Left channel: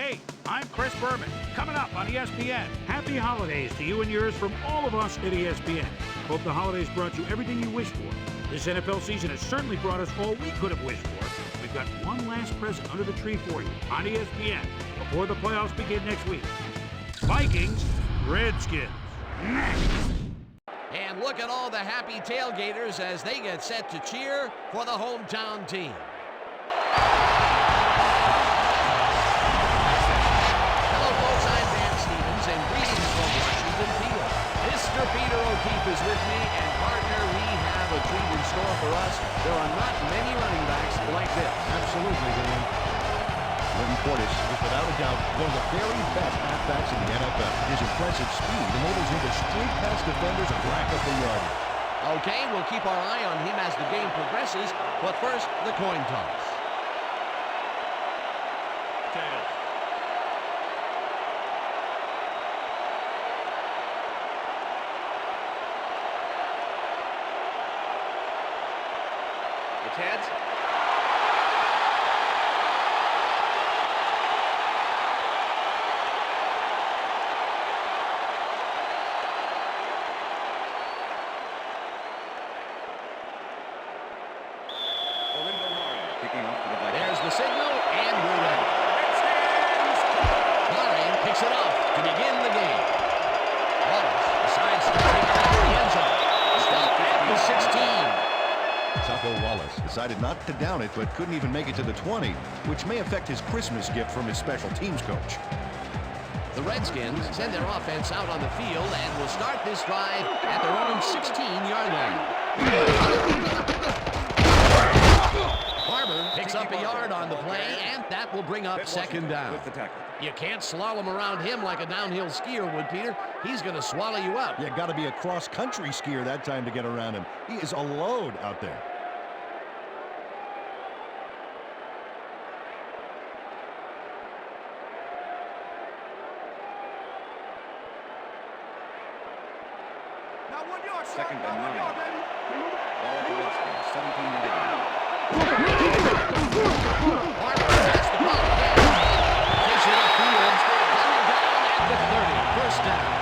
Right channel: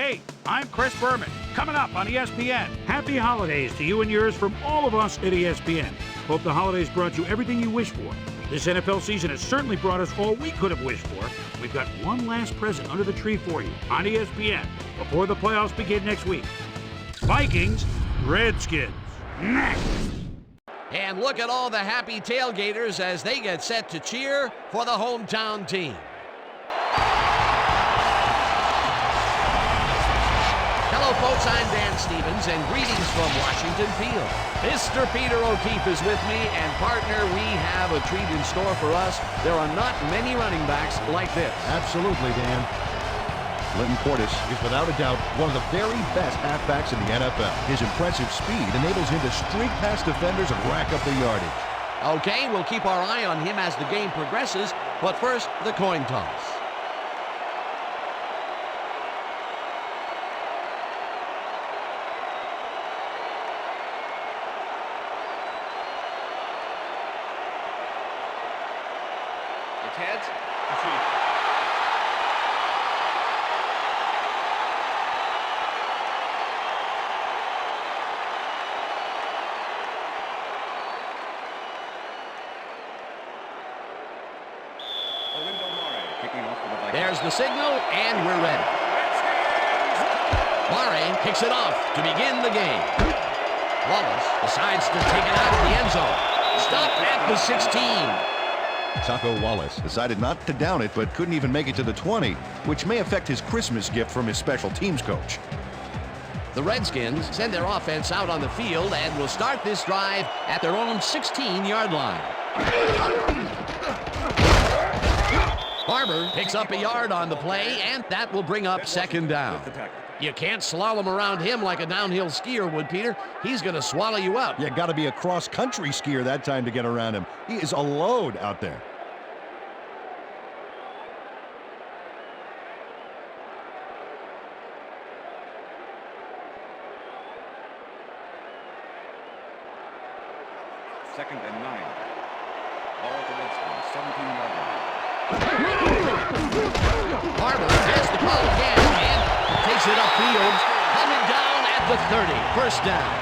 Hey, I'm Chris Berman. Coming up on ESPN. Happy holidays to you and yours from all of us at ESPN. Hope the holidays brought you everything you wished for. This NFL season has certainly brought us all we could have wished for. We've got one last present under the tree for you on ESPN before the playoffs begin next week. Vikings, Redskins. Next. And look at all the happy tailgaters as they get set to cheer for the hometown team. Hello, folks. I'm Dan Stevens, and greetings from Washington Field. Mr. Peter O'Keefe is with me, and partner, we have a treat in store for us. There are not many running backs like this. Absolutely, Dan. Linton Portis is without a doubt one of the very best halfbacks in the NFL. His impressive speed enables him to streak past defenders and rack up the yardage. Okay, we'll keep our eye on him as the game progresses, but first, the coin toss. It's heads. Kicking off for the Vikings. There's the signal, and we're ready. Murray kicks it off to begin the game. Wallace decides to take it out of the end zone. Stopped at the 16. Taco Wallace decided not to down it, but couldn't even make it to the 20, which may affect his Christmas gift from his special teams coach. The Redskins send their offense out on the field and will start this drive at their own 16-yard line. Barber picks up a yard on the play, and that will bring up second down. You can't slalom around him like a downhill skier would, Peter. He's going to swallow you up. You got to be a cross-country skier that time to get around him. He is a load out there. Second and 9. Ball at the Redskins, 17-yard line. Barber has the ball again and takes it upfield, coming down at the 30. First down.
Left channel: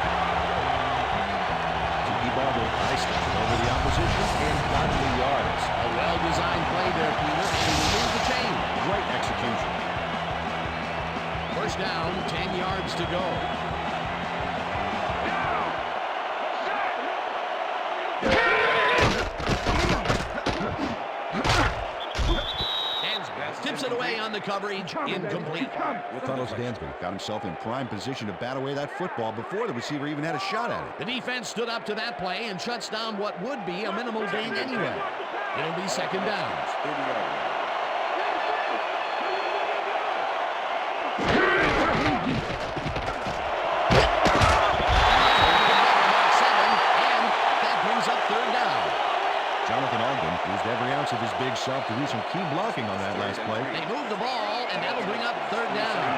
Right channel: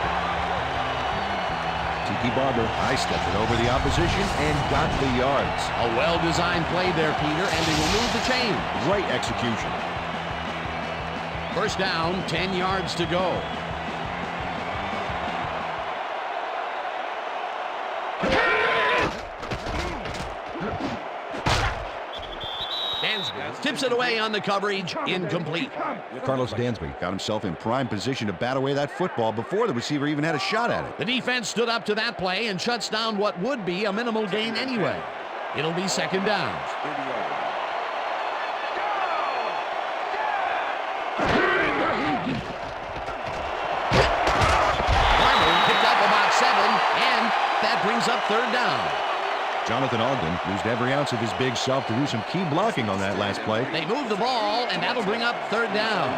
Tiki Barber high-stepped it over the opposition and got the yards. A well-designed play there, Peter, and they will move the chain. Great execution. First down, 10 yards to go. Tips it away on the coverage, incomplete. Carlos Dansby got himself in prime position to bat away that football before the receiver even had a shot at it. The defense stood up to that play and shuts down what would be a minimal gain anyway. It'll be second down. 30-yard line. Barber picked up about 7, and that brings up third down. Jonathan Ogden used every ounce of his big self to do some key blocking on that last play. They move the ball, and that'll bring up third down.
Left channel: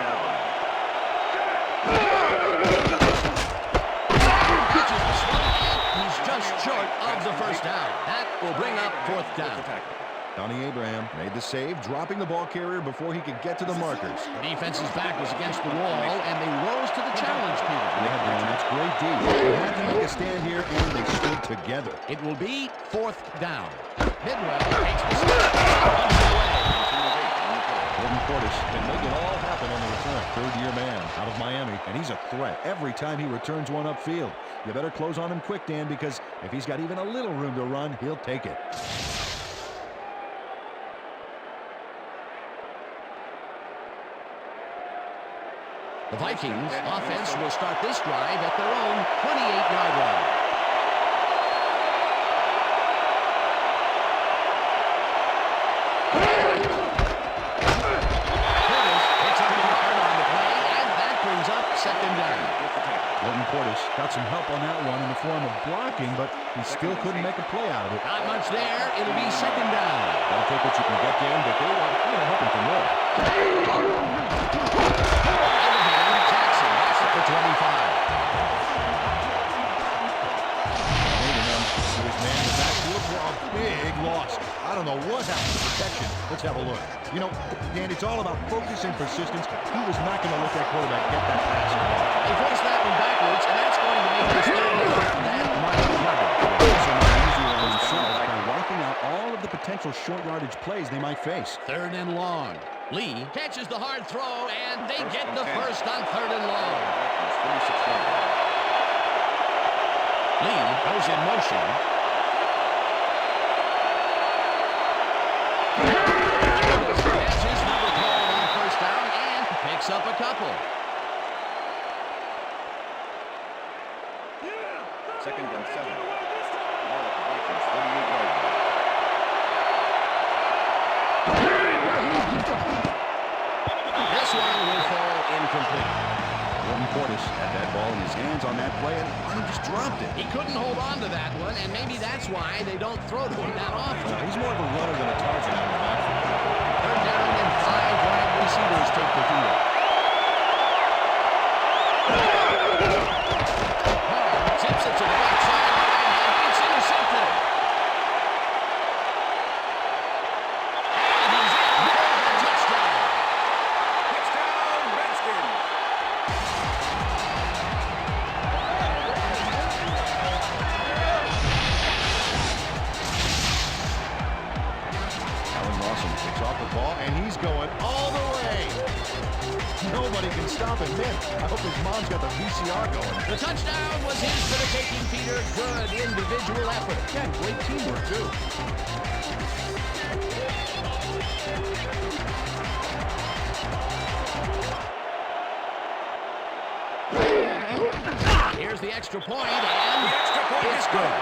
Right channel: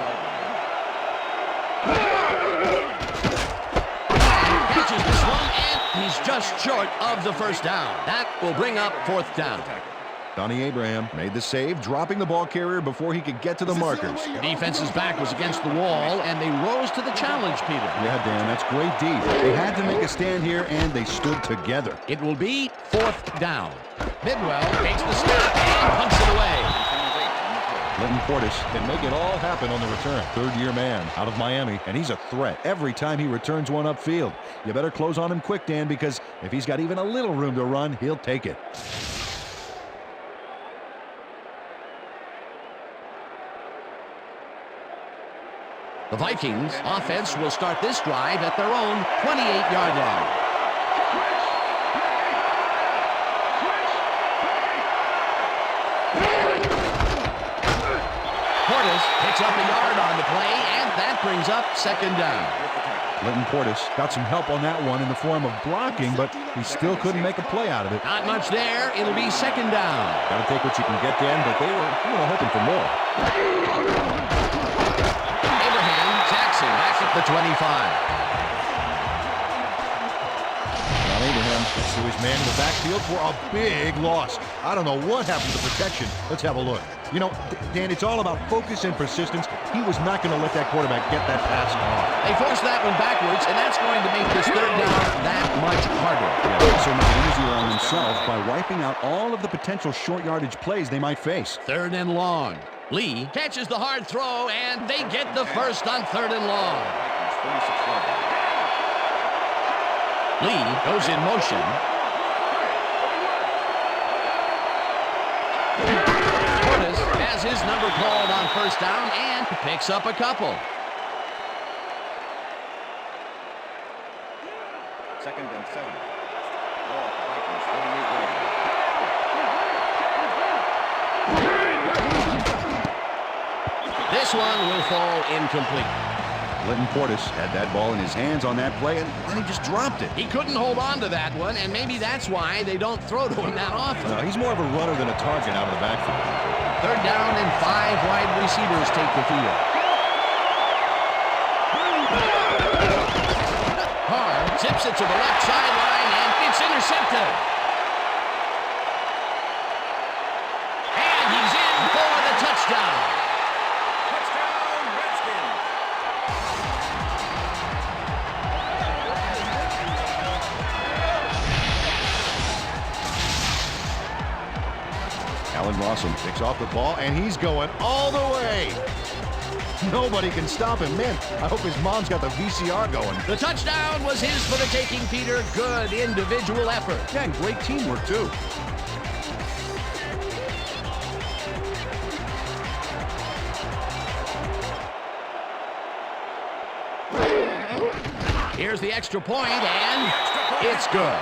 Catches this one, and he's just short of the first down. That will bring up fourth down. Donnie Abraham made the save, dropping the ball carrier before he could get to the markers. The defense's back was against the wall, and they rose to the challenge, Peter. Yeah, Dan, that's great D. They had to make a stand here, and they stood together. It will be fourth down. Bidwell takes the snap and punts it away. Linton Portis can make it all happen on the return. Third-year man out of Miami, and he's a threat every time he returns one upfield. You better close on him quick, Dan, because if he's got even a little room to run, he'll take it. The Vikings offense will start this drive at their own 28-yard line. Portis picks up a yard on the play, and that brings up second down. Linton Portis got some help on that one in the form of blocking, but he still couldn't make a play out of it. Not much there. It'll be second down. Got to take what you can get, Dan, but they were hoping for more. Back at the 25. John Abraham to his man in the backfield for a big loss. I don't know what happened to the protection. Let's have a look. You know, Dan, it's all about focus and persistence. He was not going to let that quarterback get that pass off. They forced that one backwards, and that's going to make this third down that much harder. Yeah, also made it easier on themselves by wiping out all of the potential short yardage plays they might face. Third and long. Lee catches the hard throw, and they get the first on third and long. Vikings 46-yard line. Lee goes in motion. Curtis has his number called on first down and picks up a couple. Second and 7. Ball at the Vikings 38-yard line. This one will fall incomplete. Clinton Portis had that ball in his hands on that play, and he just dropped it. He couldn't hold on to that one, and maybe that's why they don't throw to him that often. He's more of a runner than a target out of the backfield. Third down and 5 wide receivers take the field. Carr zips it to the left sideline, and it's intercepted. And he's in for the touchdown. Touchdown, Redskins. Allen Rawson picks off the ball, and he's going all the way. Nobody can stop him. Man, I hope his mom's got the VCR going. The touchdown was his for the taking, Peter. Good individual effort. Yeah, great teamwork, too. Here's the extra point, and it's good.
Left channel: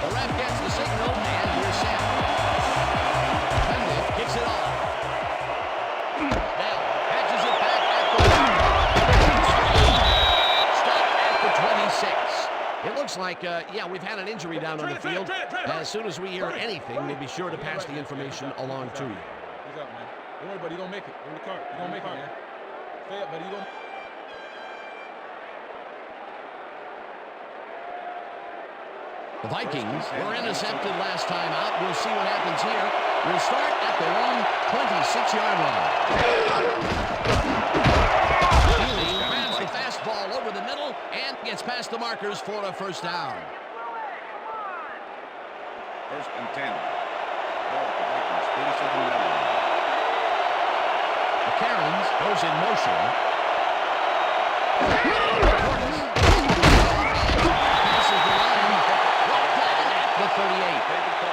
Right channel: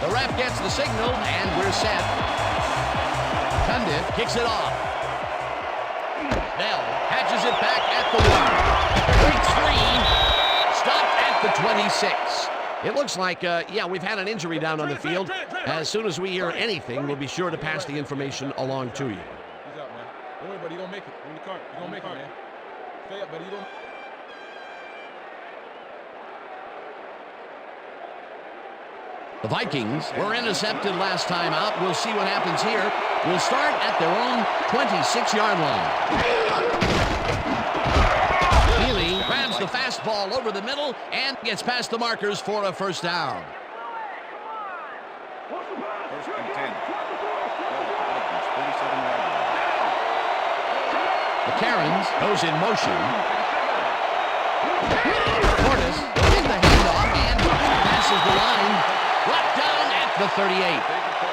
The ref gets the signal, and we're set. Condit kicks it off. Bell catches it back at the 1. 3. Stopped at the 26. It looks like, yeah, we've had an injury down on the field. As soon as we hear anything, we'll be sure to pass the information along to you. He's out, man. Don't worry, buddy. You're going to make it. You're in the cart. You're going to make it, man. Stay up, buddy. You're going to... The Vikings were intercepted last time out. We'll see what happens here. We'll start at their own 26-yard line. Healy grabs the fastball over the middle and gets past the markers for a first down. First and 10. Ball at the Vikings 37-yard line. McCarron goes in motion. Portis in the handoff and passes the line. Brought down at the 38.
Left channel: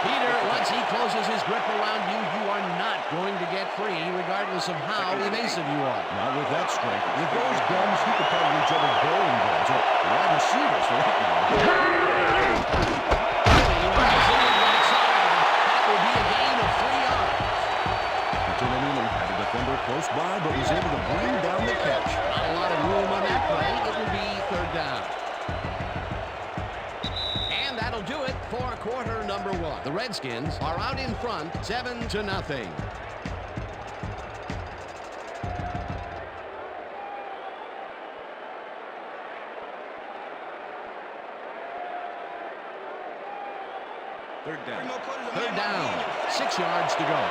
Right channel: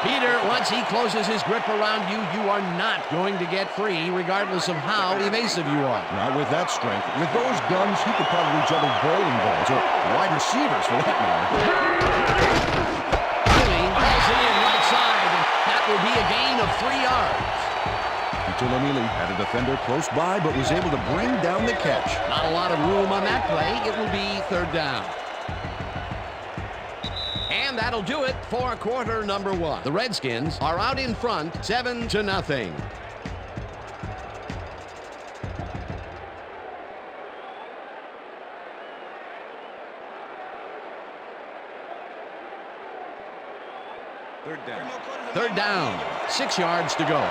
Peter, once he closes his grip around you, you are not going to get free, regardless of how evasive you are. Not with that strength. With those guns, he could probably juggle bowling balls, or wide receivers for that matter. Healy rolls it in right side. That will be a gain of 3 yards. Tulamili had a defender close by, but was able to bring down the catch. Not a lot of room on that play. It will be third down. And that'll do it for quarter number 1. The Redskins are out in front, 7-0. Third down. Third down, 6 yards to go.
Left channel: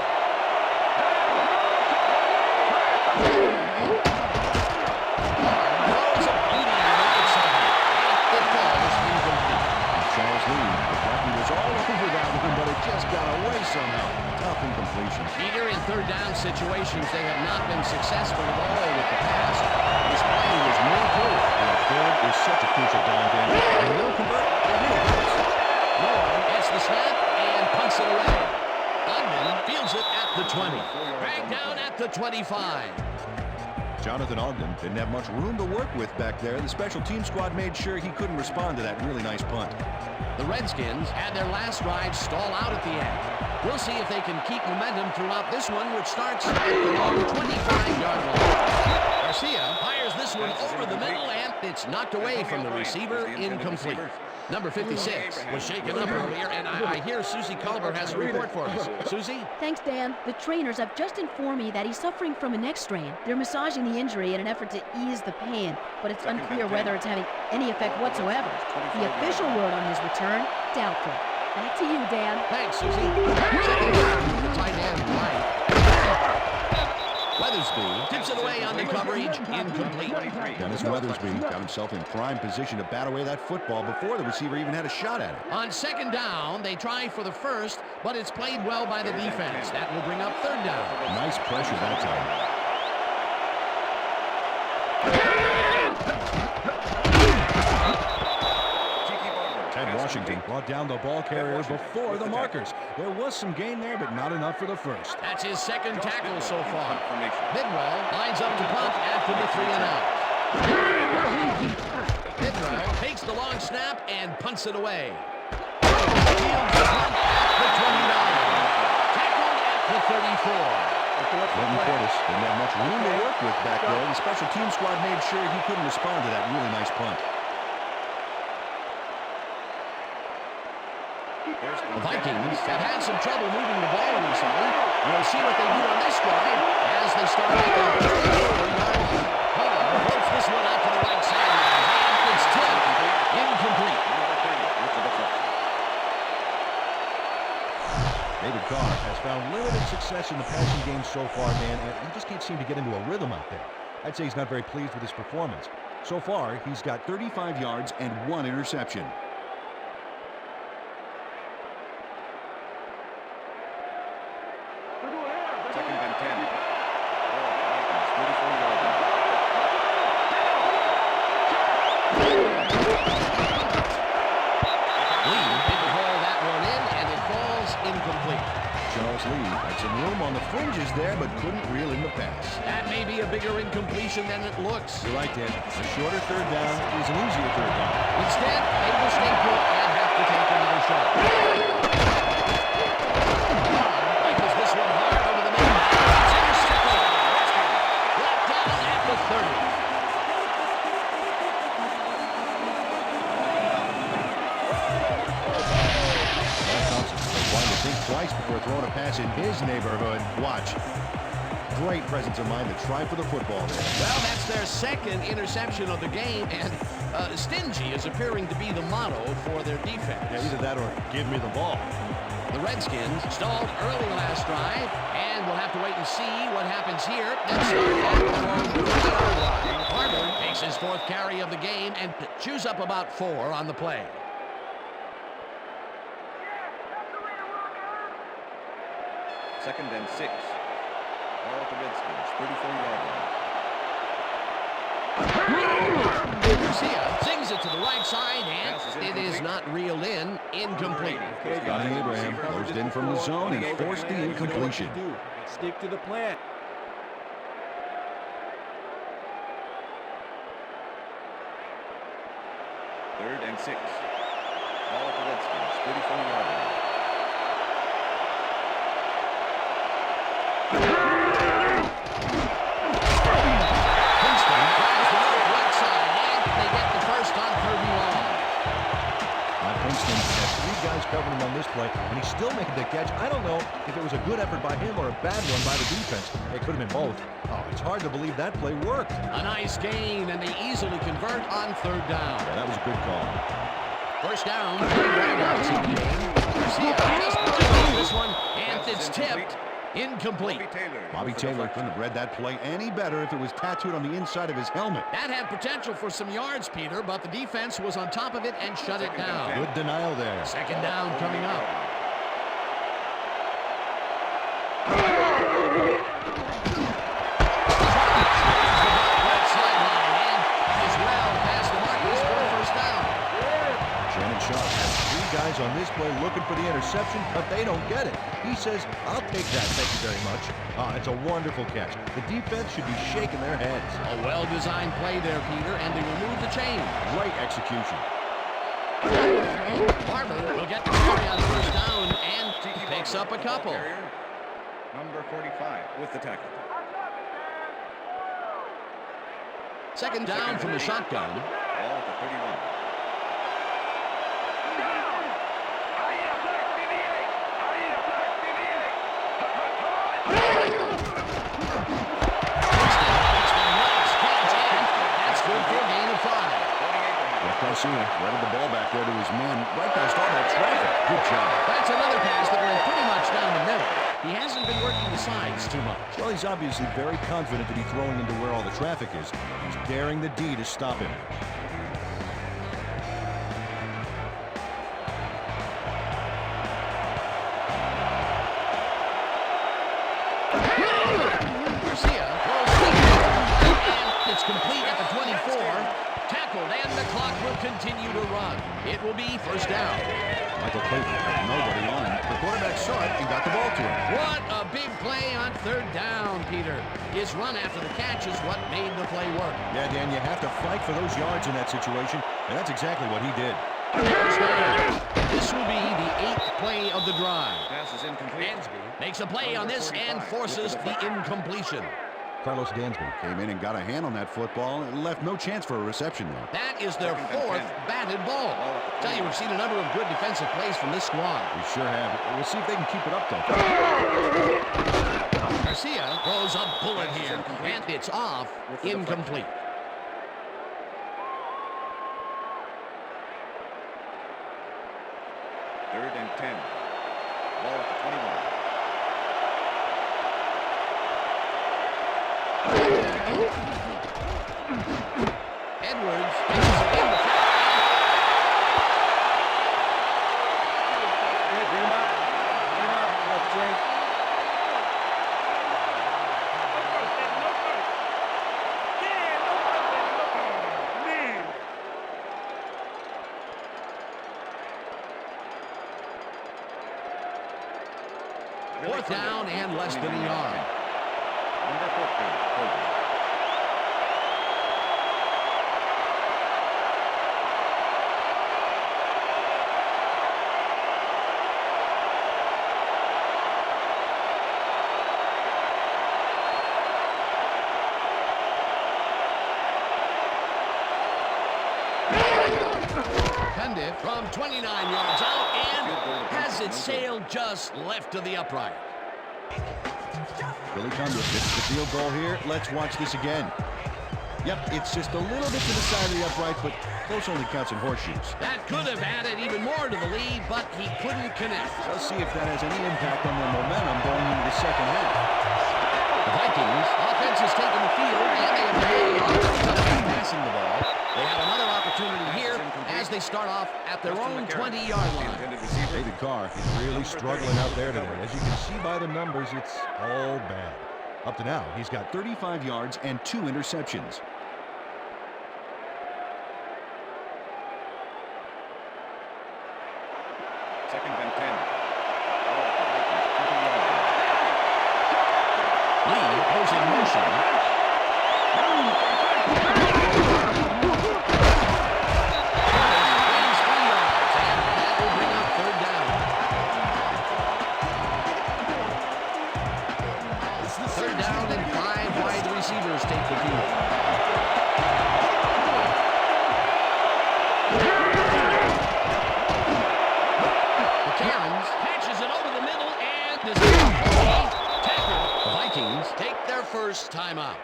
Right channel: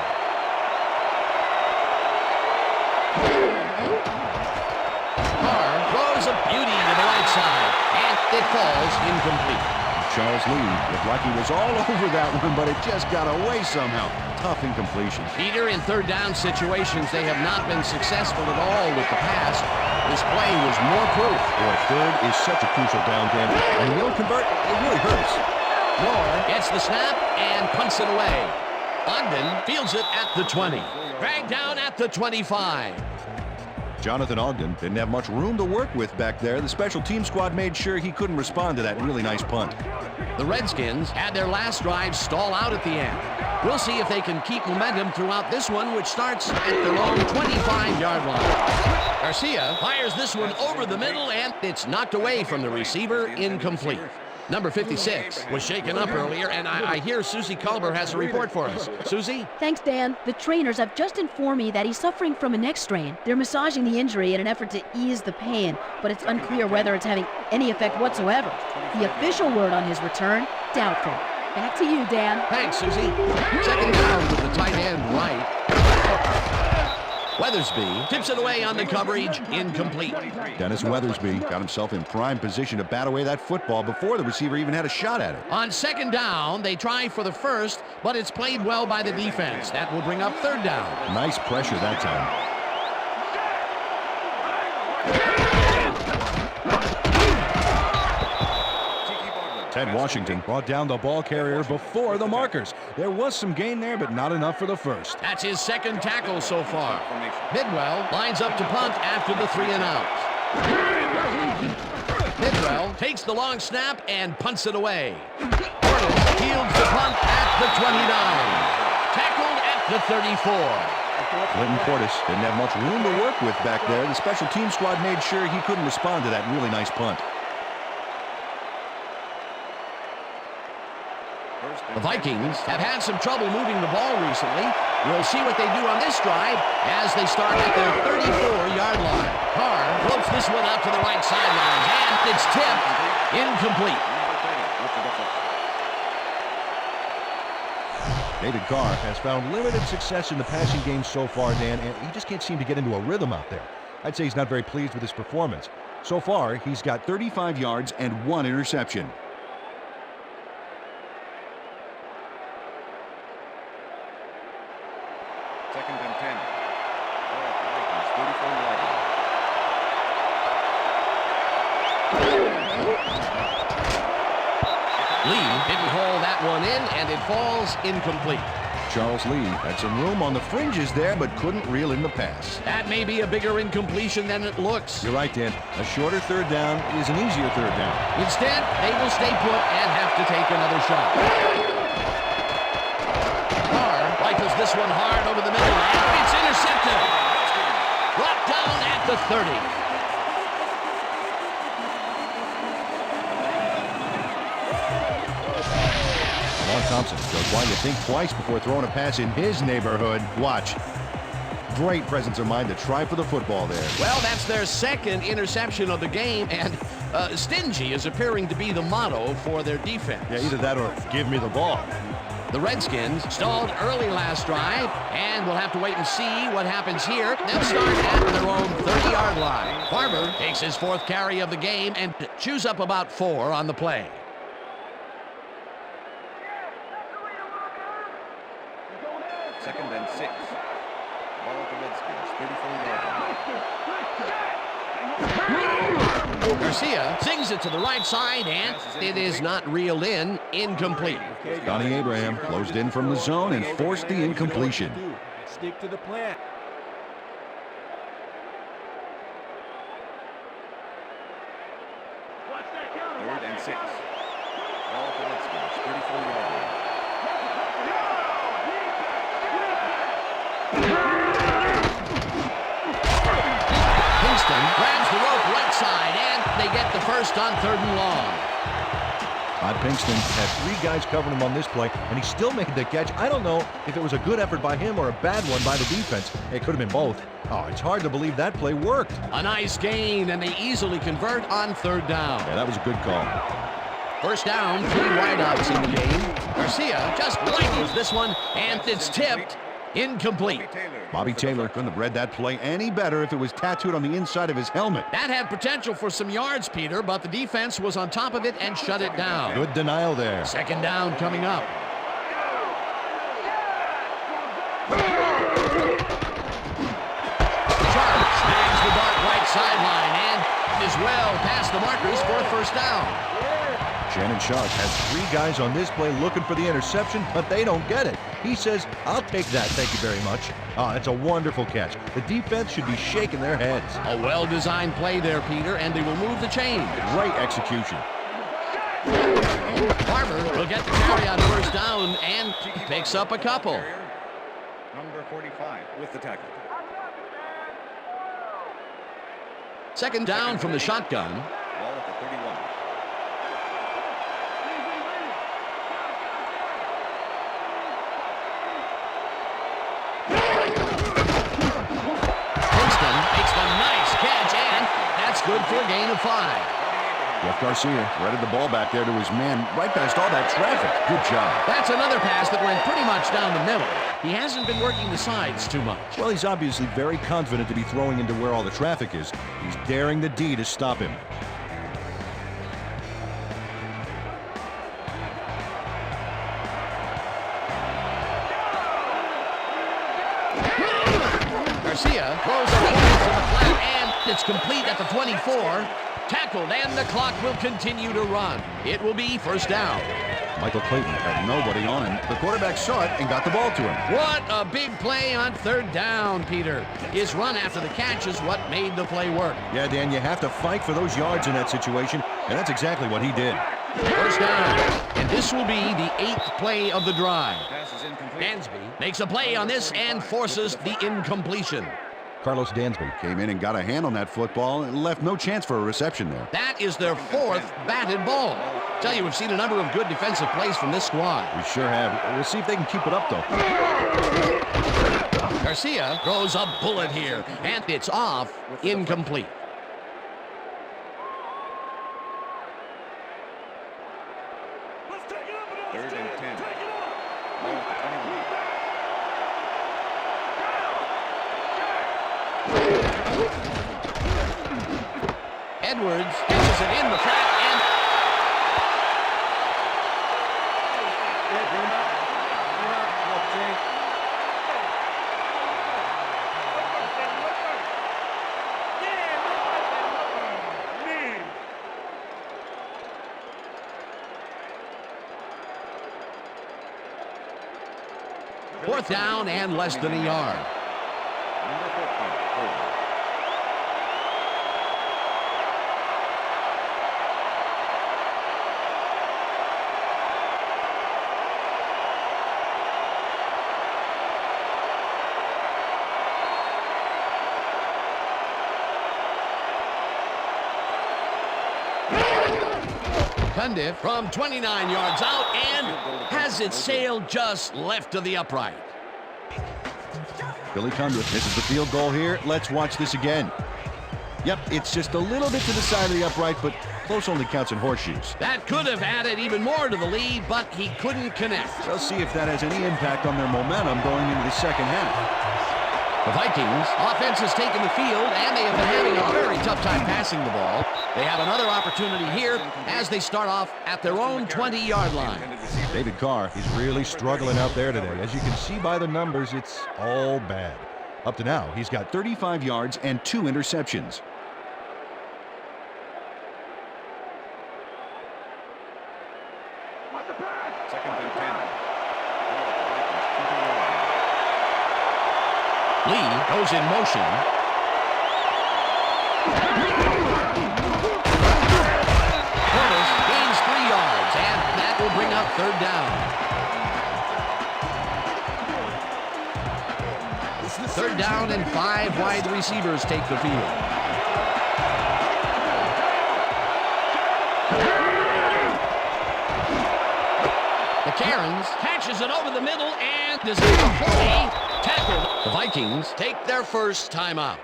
Carr throws a beauty to the right side, and it falls incomplete. Charles Lee looked like he was all over that one, but it just got away somehow. Tough incompletion. Peter, in third down situations, they have not been successful at all with the pass. This play was more proof. Boy, third is such a crucial down, Dan. When you don't convert, it really hurts. Moore gets the snap and punts it away. Ogden fields it at the 20. Dragged down at the 25. Jonathan Ogden didn't have much room to work with back there. The special team squad made sure he couldn't respond to that really nice punt. The Redskins had their last drive stall out at the end. We'll see if they can keep momentum throughout this one, which starts at their own 25-yard line. Garcia fires this one over the middle, and it's knocked away from the receiver, incomplete. Number 56 was shaken up earlier, and I hear Susie Culber has a report for us. Susie? Thanks, Dan. The trainers have just informed me that he's suffering from a neck strain. They're massaging the injury in an effort to ease the pain, but it's unclear whether it's having any effect whatsoever. The official word on his return, doubtful. Back to you, Dan. Thanks, Susie. Second down with the tight end right. Weathersby tips it away on the coverage, incomplete. Dennis Weathersby got himself in prime position to bat away that football before the receiver even had a shot at it. On second down, they try for the first, but it's played well by the defense. That will bring up third down. Nice pressure that time. Ted Washington brought down the ball carrier before the markers. There was some gain there, but not enough for the first. That's his second tackle so far. Bidwell lines up to punt after the 3 and out. Bidwell takes the long snap and punts it away. Fields the punt at the 29. Tackled at the 34. Clinton Portis didn't have much room to work with back there. The special team squad made sure he couldn't respond to that really nice punt. The Vikings have had some trouble moving the ball recently. We'll see what they do on this drive as they start at their 34-yard line. Carr floats this one out to the right sidelines, and it's tipped incomplete. David Carr has found limited success in the passing game so far, Dan, and he just can't seem to get into a rhythm out there. I'd say he's not very pleased with his performance. So far, he's got 35 yards and 1 interception. Second and 10. Ball at the Vikings, 34-yard line. Lee didn't haul that one in, and it falls incomplete. Charles Lee had some room on the fringes there, but couldn't reel in the pass. That may be a bigger incompletion than it looks. You're right, Dan. A shorter third down is an easier third down. Instead, they will stay put and have to take another shot. Carr rifles this one hard over the middle, and it's intercepted. Brought down at the 30. Lamar Thompson was wanting to think twice before throwing a pass in his neighborhood. Watch. Great presence of mind to try for the football there. Well, that's their second interception of the game, and stingy is appearing to be the motto for their defense. Yeah, either that or give me the ball. The Redskins stalled early last drive, and we'll have to wait and see what happens here. They'll start at their own 30-yard line. Barber takes his 4th carry of the game and chews up about 4 on the play. Second and 6. Ball at the Redskins, 34-yard line. Garcia sings it to the right side, and it is not reeled in. Incomplete. Donnie Abraham closed in from the zone and forced the incompletion. Stick to the plan. Third and 6. Ball at the Redskins, 34-yard line. Kingston grabs the rope right side, and they get the first on 3rd and long. Todd Pinkston had 3 guys covering him on this play, and he still made the catch. I don't know if it was a good effort by him or a bad one by the defense. It could have been both. Oh, it's hard to believe that play worked. A nice gain, and they easily convert on 3rd down. Yeah, that was a good call. First down, 3 wideouts in the game. Garcia just rifles this one, and it's tipped. Incomplete. Bobby Taylor couldn't have read that play any better if it was tattooed on the inside of his helmet. That had potential for some yards, Peter, but the defense was on top of it and shut it down. Good denial there. Second down coming up. Charles slams the dart right sideline and is well past the markers for a first down. Shannon Sharp has 3 guys on this play looking for the interception, but they don't get it. He says, I'll take that, thank you very much. Oh, it's a wonderful catch. The defense should be shaking their heads. A well-designed play there, Peter, and they will move the chain. Great execution. Barber will get the carry on first down and picks up a couple. Number 45 with the tackle. Second down from the shotgun. Ball at the 31. good for a gain of 5. Jeff Garcia threaded the ball back there to his man right past all that traffic. Good job. That's another pass that went pretty much down the middle. He hasn't been working the sides too much. Well, he's obviously very confident to be throwing into where all the traffic is. He's daring the D to stop him. Garcia throws a deep to the flat, and it's complete at the 24. Tackled, and the clock will continue to run. It will be first down. Michael Clayton had nobody on him. The quarterback saw it and got the ball to him. What a big play on third down, Peter. His run after the catch is what made the play work. Yeah, Dan, you have to fight for those yards in that situation, and that's exactly what he did. First down. And this will be the 8th play of the drive. Pass is incomplete. Dansby makes a play on this and forces the incompletion. Carlos Dansby came in and got a hand on that football and left no chance for a reception there. That is their 4th batted ball. Tell you, we've seen a number of good defensive plays from this squad. We sure have. We'll see if they can keep it up, though. Garcia throws a bullet here, and it's off, incomplete. Third and 10. Ball at the 21. Edwards catches it in the flat, and Bring him out. Bring him out. You got the change. fourth down and less than a yard. Number 14, Holder. Cundiff from 29 yards out and has it sailed just left of the upright. Billy Cundiff misses the field goal here. Let's watch this again. Yep, it's just a little bit to the side of the upright, but close only counts in horseshoes. That could have added even more to the lead, but he couldn't connect. We'll see if that has any impact on their momentum going into the second half. The Vikings offense has taken the field, and they have been having a very tough time passing the ball. They have another opportunity here as they start off at their own 20-yard line. David Carr is really struggling out there today. As you can see by the numbers, it's all bad. Up to now, he's got 35 yards and 2 interceptions. Second and 10. Ball at the Vikings 20-yard line. Lee goes in motion. Curtis gains 3 yards, and that will bring up third down. Third down and 5 wide receivers take the field. The Karens patches it over the middle and is tackled. The Vikings take their first timeout.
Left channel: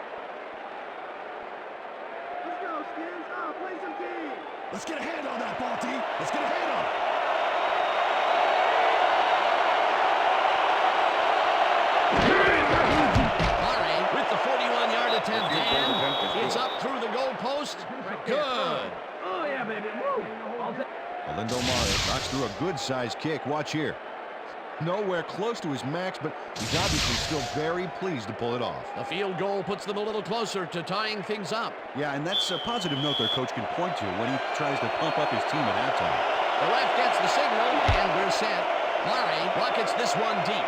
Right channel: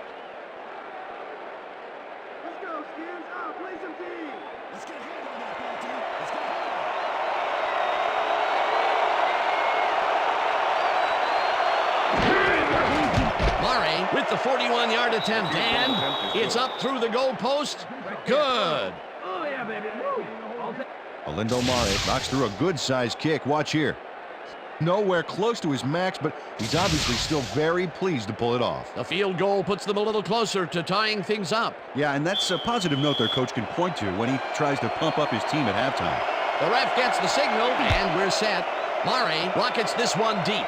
Let's go, Skins. Play some D. Let's get a hand on that ball, D. Let's get a hand on it. Murray with the 41-yard attempt, and it's up through the goalpost. Good. Oh, yeah, baby. Alindo Mare knocks through a good-sized kick. Watch here. Nowhere close to his max, but he's obviously still very pleased to pull it off. The field goal puts them a little closer to tying things up. Yeah, and that's a positive note their coach can point to when he tries to pump up his team at halftime. The ref gets the signal, and we're set. Murray rockets this one deep.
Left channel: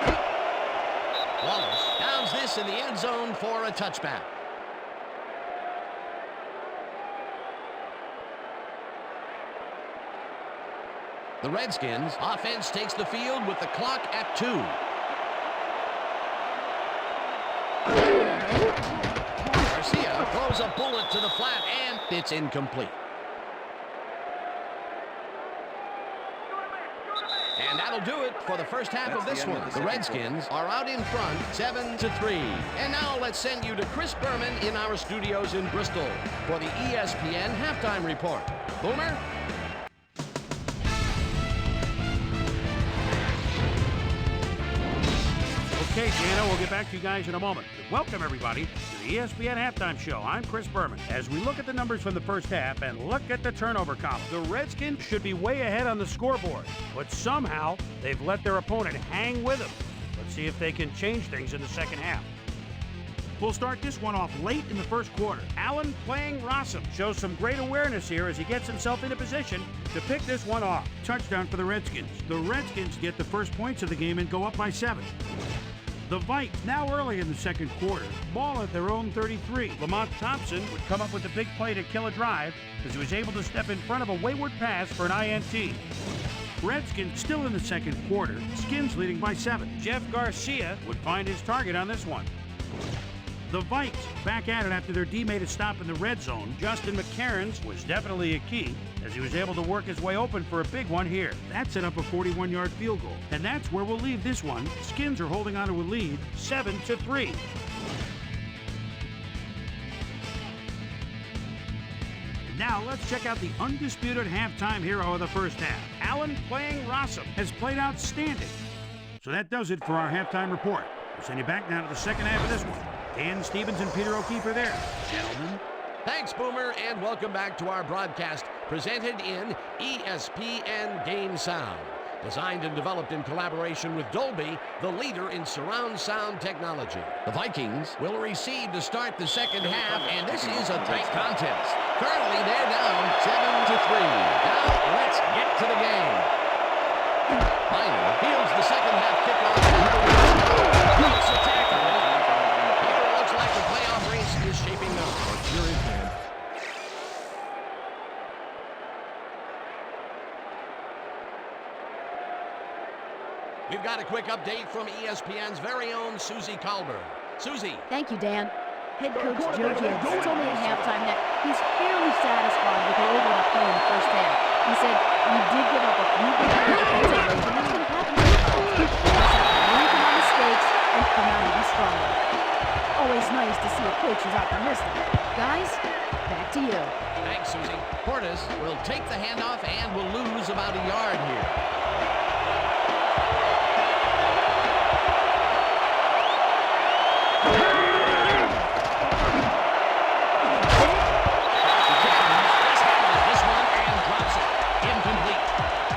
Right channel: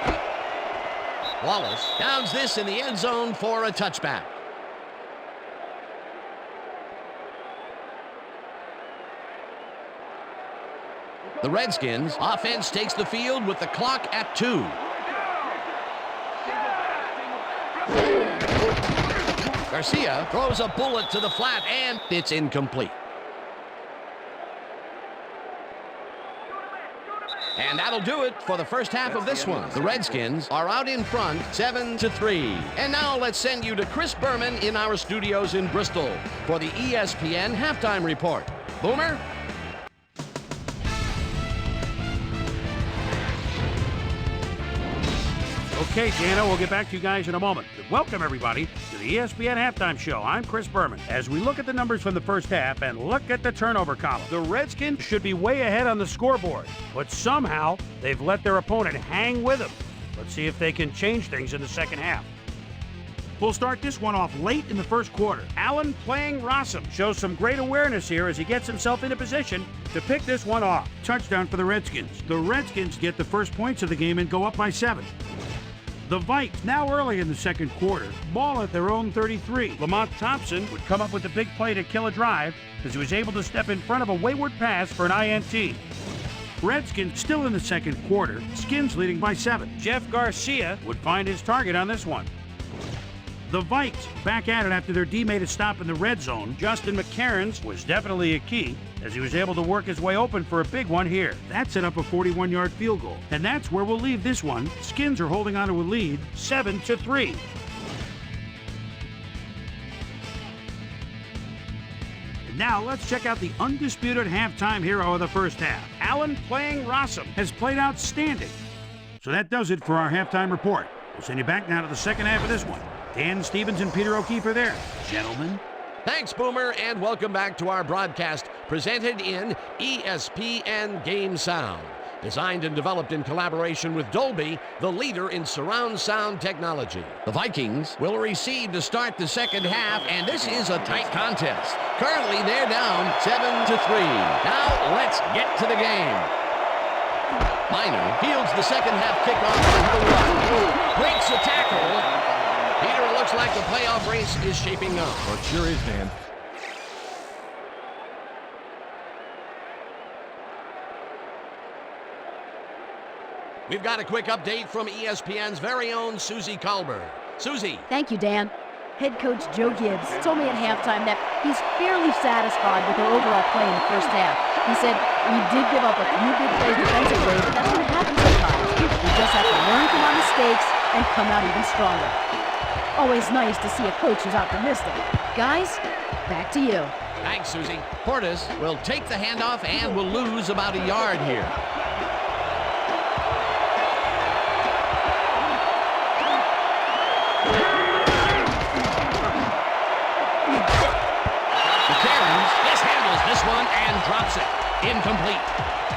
Wallace downs this in the end zone for a touchback. The Redskins offense takes the field with the clock at 2. Garcia throws a bullet to the flat, and it's incomplete. And that'll do it for the first half of this one. The Redskins are out in front, 7-3. And now let's send you to Chris Berman in our studios in Bristol for the ESPN Halftime Report. Boomer? Okay, Jana, we'll get back to you guys in a moment. Welcome, everybody, to the ESPN Halftime Show. I'm Chris Berman. As we look at the numbers from the first half and look at the turnover column, the Redskins should be way ahead on the scoreboard, but somehow they've let their opponent hang with them. Let's see if they can change things in the second half. We'll start this one off late in the first quarter. Allen playing Rossum shows some great awareness here as he gets himself into position to pick this one off. Touchdown for the Redskins. The Redskins get the first points of the game and go up by 7. The Vikes, now early in the second quarter, ball at their own 33. Lamont Thompson would come up with a big play to kill a drive as he was able to step in front of a wayward pass for an INT. Redskins still in the second quarter, Skins leading by 7. Jeff Garcia would find his target on this one. The Vikes back at it after their D made a stop in the red zone. Justin McCarron's was definitely a key as he was able to work his way open for a big one here. That set up a 41-yard field goal. And that's where we'll leave this one. Skins are holding on to a lead, 7-3. Now let's check out the undisputed halftime hero of the first half. Allen playing Rossum has played outstanding. So that does it for our halftime report. We'll send you back now to the second half of this one. Dan Stevens and Peter O'Keefe are there. Gentlemen. Thanks, Boomer, and welcome back to our broadcast presented in ESPN Game Sound. Designed and developed in collaboration with Dolby, the leader in surround sound technology. The Vikings will recede to start the second half, and this is a tight contest. Currently, they're down 7-3. Now, let's get to the game. Miner fields the second half kickoff at the 1. Breaks a tackle. Peter, it looks like the playoff race is shaping up. Oh, it sure is, Dan. We've got a quick update from ESPN's very own Susie Colbert. Susie. Thank you, Dan. Head coach Joe Gibbs told me at halftime that he's fairly satisfied with their overall play in the first half. He said, we did give up a few big plays defensively, but that's going to happen sometimes. We just have to learn from our mistakes and come out even stronger. Always nice to see a coach who's optimistic. Guys, back to you. Thanks, Susie. Portis will take the handoff and will lose about a yard here. McCarron mishandles this one and drops it. Incomplete.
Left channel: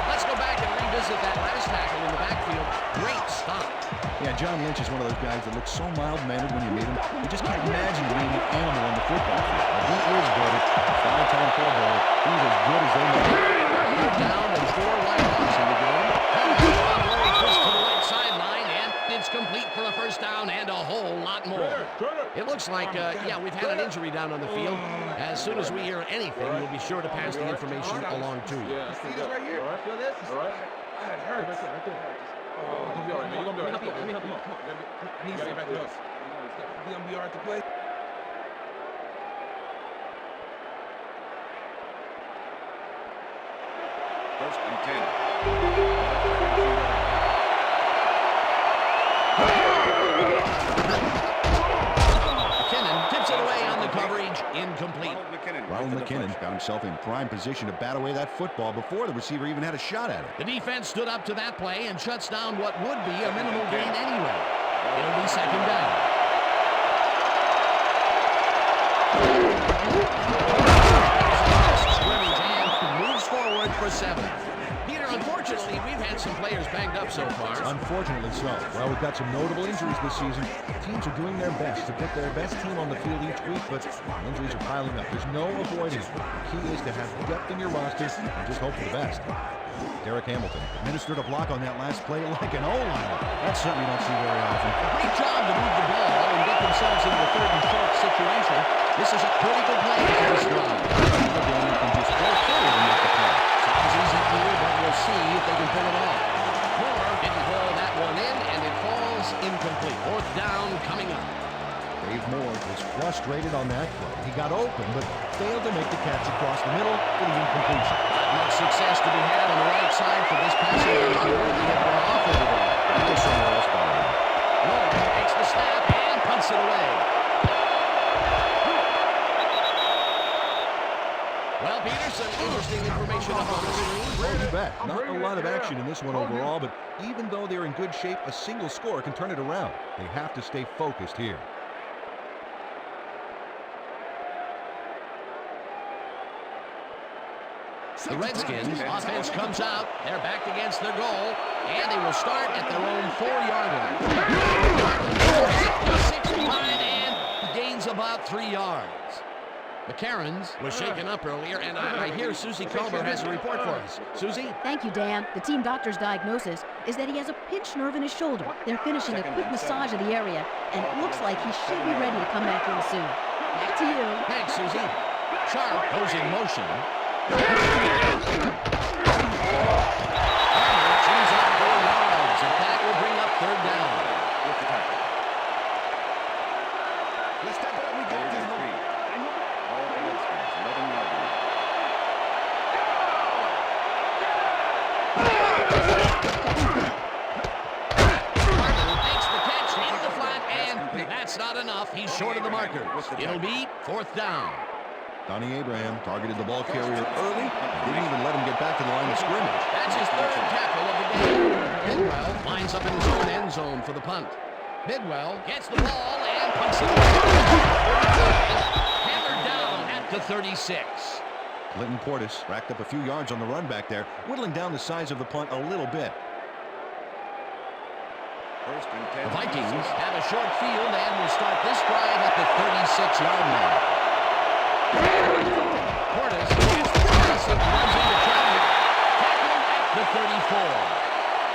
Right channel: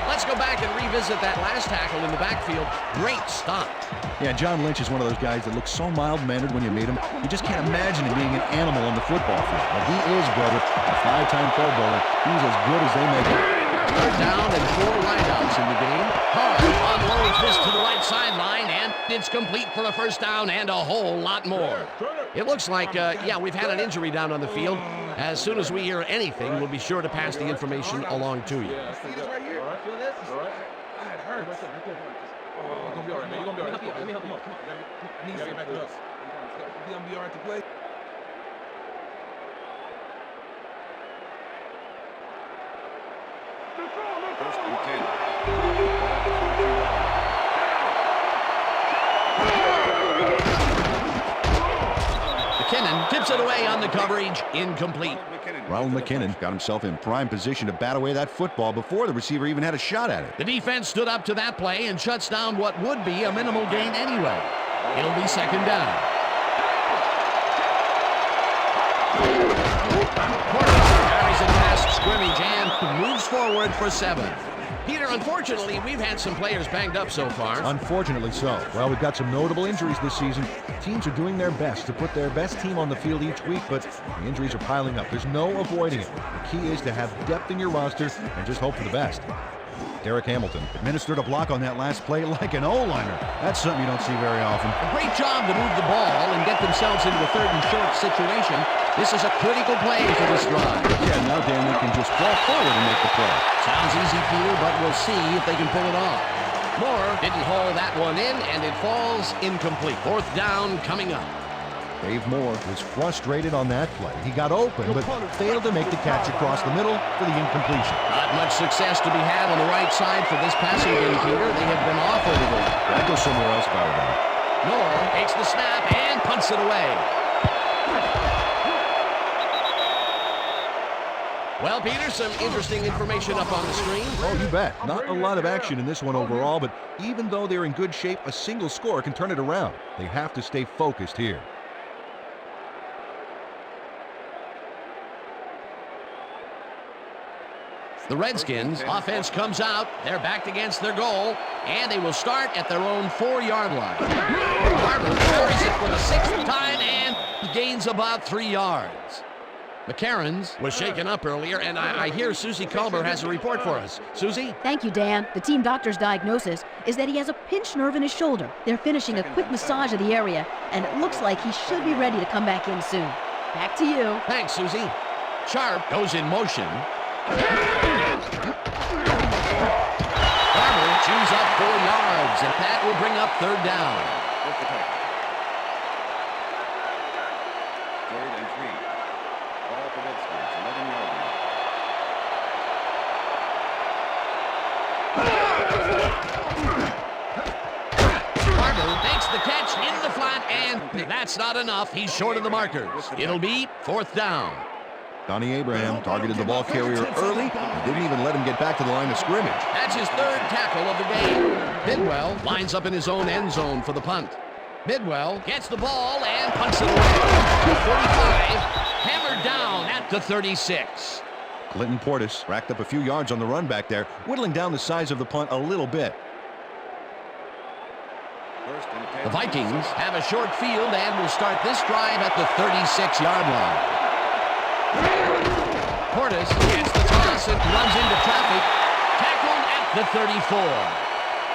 Let's go back and revisit that last tackle in the backfield. Great stop. Yeah, John Lynch is one of those guys that looks so mild-mannered when you meet him. You just can't imagine him being an animal on the football field. But he is, brother, a 5-time Pro Bowler. He's as good as they make him. Third down and 4 wideouts in the game. Hart unloads this to the right sideline, and it's complete for a first down and a whole lot more. It looks like, we've had an injury down on the field. As soon as we hear anything, we'll be sure to pass the information along to you. Yeah, see this right here? Feel this? All right. It hurts. Right there. Oh, you're going to be all right, man. You're going to be all right. Let me help you. Come on. I need you to get back to us. You're going to be all right to play? First and 10. McKinnon tips it away on the coverage. Incomplete. Ronald McKinnon got himself in prime position to bat away that football before the receiver even had a shot at it. The defense stood up to that play and shuts down what would be a minimal gain anyway. It'll be second down. Carries it past scrimmage and moves forward for 7. Peter, unfortunately, we've had some players banged up so far. Unfortunately so. Well, we've got some notable injuries this season. Teams are doing their best to put their best team on the field each week, but the injuries are piling up. There's no avoiding it. The key is to have depth in your roster and just hope for the best. Derek Hamilton administered a block on that last play like an O-liner. That's something you don't see very often. A great job to move the ball and get themselves into the 3rd and short situation. This is a critical play for this drive. Yeah, now Dan, they can just fall forward and make the play. Sounds easy, Peter, but we'll see if they can pull it off. Moore didn't haul that one in, and it falls incomplete. 4th down coming up. Dave Moore was frustrated on that play. He got open, but failed to make the catch across the middle for the incompletion. Not much success to be had on the right side for this passing game, Peter. They have been off over there. I'd go somewhere else if I were them. Nor takes the snap and punts it away. Well, Peter, some interesting information up on the screen. Oh, you bet. Not a lot of action in this one overall, but even though they're in good shape, a single score can turn it around. They have to stay focused here. The Redskins offense comes out. They're backed against their goal, and they will start at their own 4-yard line. Barber carries it for the 6th time and gains about 3 yards. McCarron's was shaken up earlier, and I hear Susie Culber has a report for us. Susie? Thank you, Dan. The team doctor's diagnosis is that he has a pinched nerve in his shoulder. They're finishing a quick massage of the area, and it looks like he should be ready to come back in soon. Back to you. Thanks, Susie. Sharp goes in motion. Barber chews up 4 yards, and that will bring up 3rd down. With the tackle. 3rd and 3. Ball at the Redskins, 11-yard line. Barber makes the catch in the flat, and that's not enough. He's short of the markers. It'll be 4th down. Donnie Abraham targeted the ball carrier early and didn't even let him get back to the line of scrimmage. That's his 3rd tackle of the game. Bidwell lines up in his own end zone for the punt. Bidwell gets the ball and punts it away. 45, hammered down at the 36. Clinton Portis racked up a few yards on the run back there, whittling down the size of the punt a little bit. 1st and 10. The Vikings have a short field and will start this drive at the 36-yard line. Portis gets the toss and runs into traffic. Tackled at the 34.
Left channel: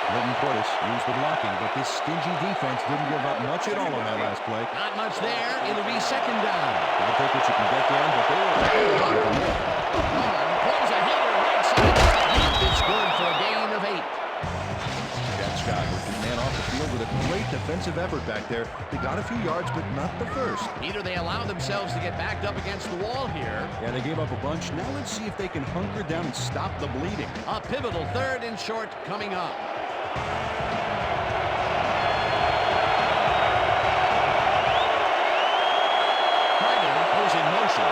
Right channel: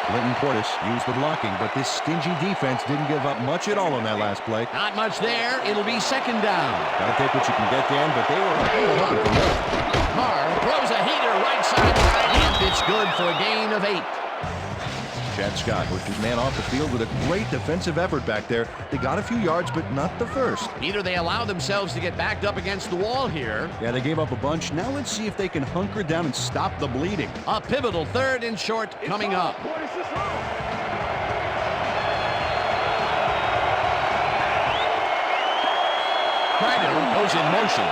Clinton Portis used the blocking, but this stingy defense didn't give up much at all on that last play. Not much there. It'll be 2nd down. Got to take what you can get, Dan, but they were hoping for more. Carr throws a heater right sideline, and it's good for a gain of 8. Chad Scott worked his man off the field with a great defensive effort back there. They got a few yards, but not the first. Either they allow themselves to get backed up against the wall here. Yeah, they gave up a bunch. Now let's see if they can hunker down and stop the bleeding. A pivotal 3rd and short coming up. Kreider goes in motion.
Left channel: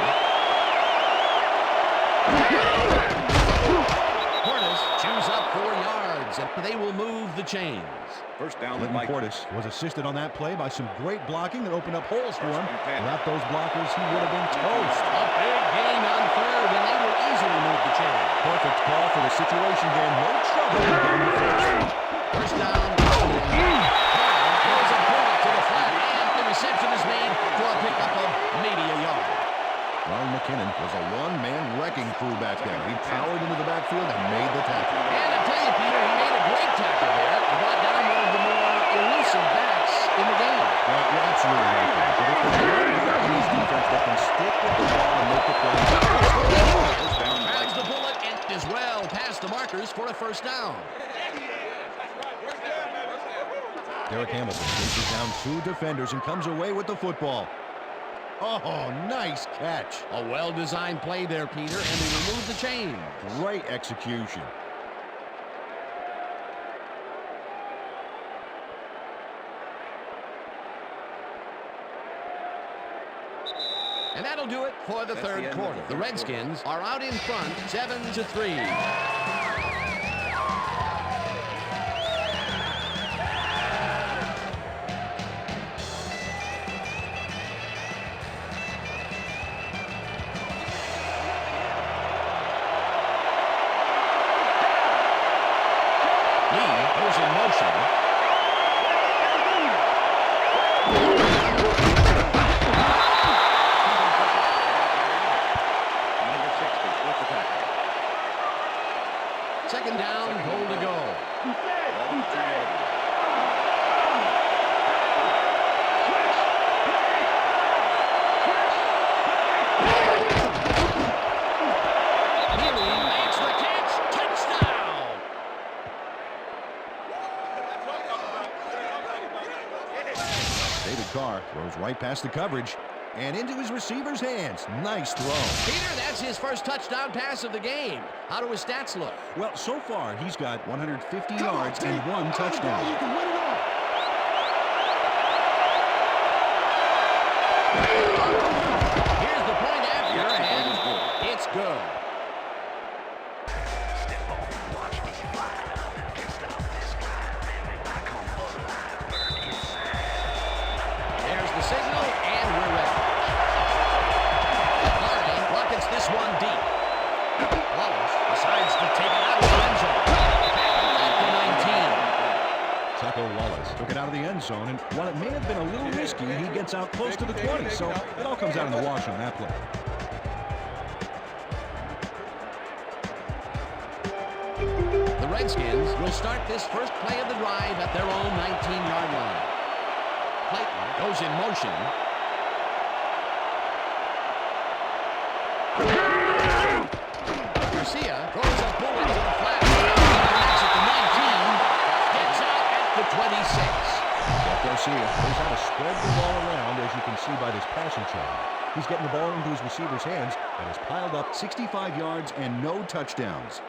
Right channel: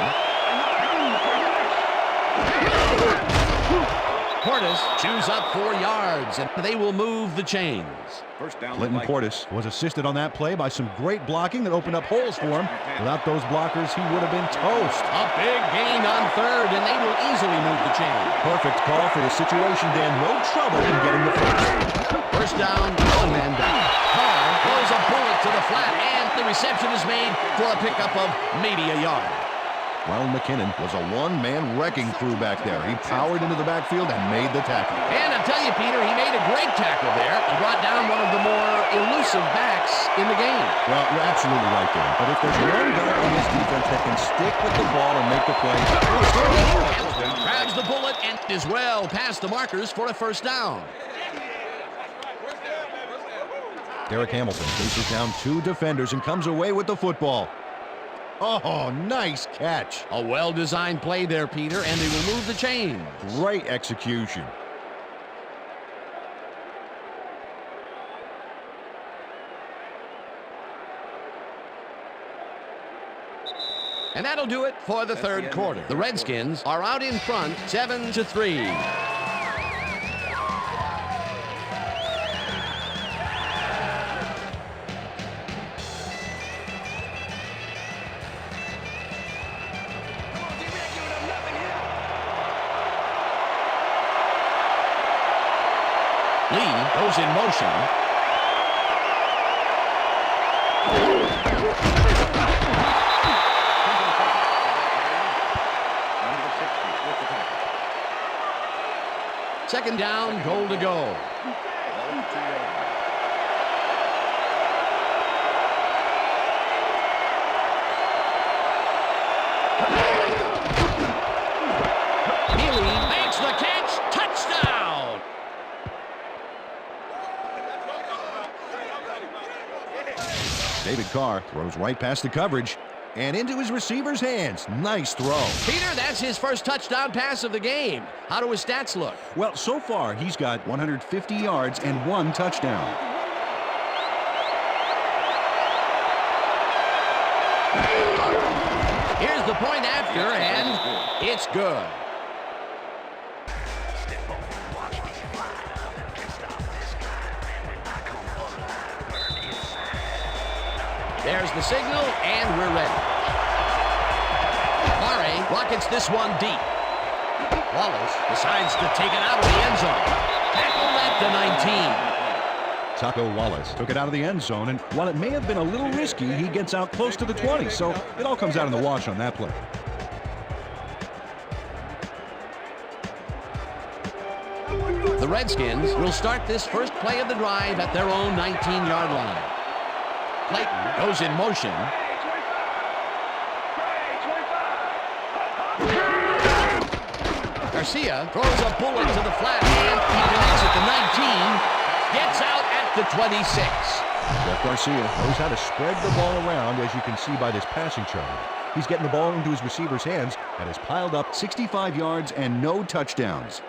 Portis chews up 4 yards, and they will move the chains. 1st down. Clinton Portis was assisted on that play by some great blocking that opened up holes for him. Without those blockers, he would have been toast. A big gain on 3rd, and they will easily move the chain. Perfect call for the situation, Dan. No trouble in getting the first. 1st down, one man down. Carr throws a bullet to the flat, and the reception is made for a pickup of maybe a yard. Ronald McKinnon was a one-man wrecking crew back there. He powered into the backfield and made the tackle. And I'll tell you, Peter, he made a great tackle there. He brought down one of the more elusive backs in the game. Well, you're absolutely right, Dan. But if there's one guy on this defense that can stick with the ball and make the play, Grabs the bullet and is well past the markers for a 1st down. Derek Hamilton chases down 2 defenders and comes away with the football. Oh, nice catch. A well-designed play there, Peter, and they will move the chains. Great execution. And that'll do it for the 3rd quarter. The Redskins are out in front, 7-3. Lee goes in motion. Number 60 with the tackle. 2nd down, goal to go. Ball at the 2-yard line. Mealy makes the catch. Touchdown! That's what I'm talking about. David Carr throws right past the coverage and into his receiver's hands. Nice throw. Peter, that's his first touchdown pass of the game. How do his stats look? Well, so far, he's got 150 yards and 1 touchdown. You can win it all. Here's the point after, and it's good. There's the signal, and we're ready. Murray rockets this one deep. Wallace decides to take it out of the end zone. Tackled at the 19. Taco Wallace took it out of the end zone, and while it may have been a little risky, he gets out close to the 20, so it all comes out in the wash on that play. The Redskins will start this first play of the drive at their own 19-yard line. Clayton goes in motion. Garcia throws a bullet to the flat. He connects at the 19. Gets out at the 26. Jeff Garcia knows how to spread the ball around, as you can see by this passing chart. He's getting the ball into his receiver's hands and has piled up 65 yards and no touchdowns.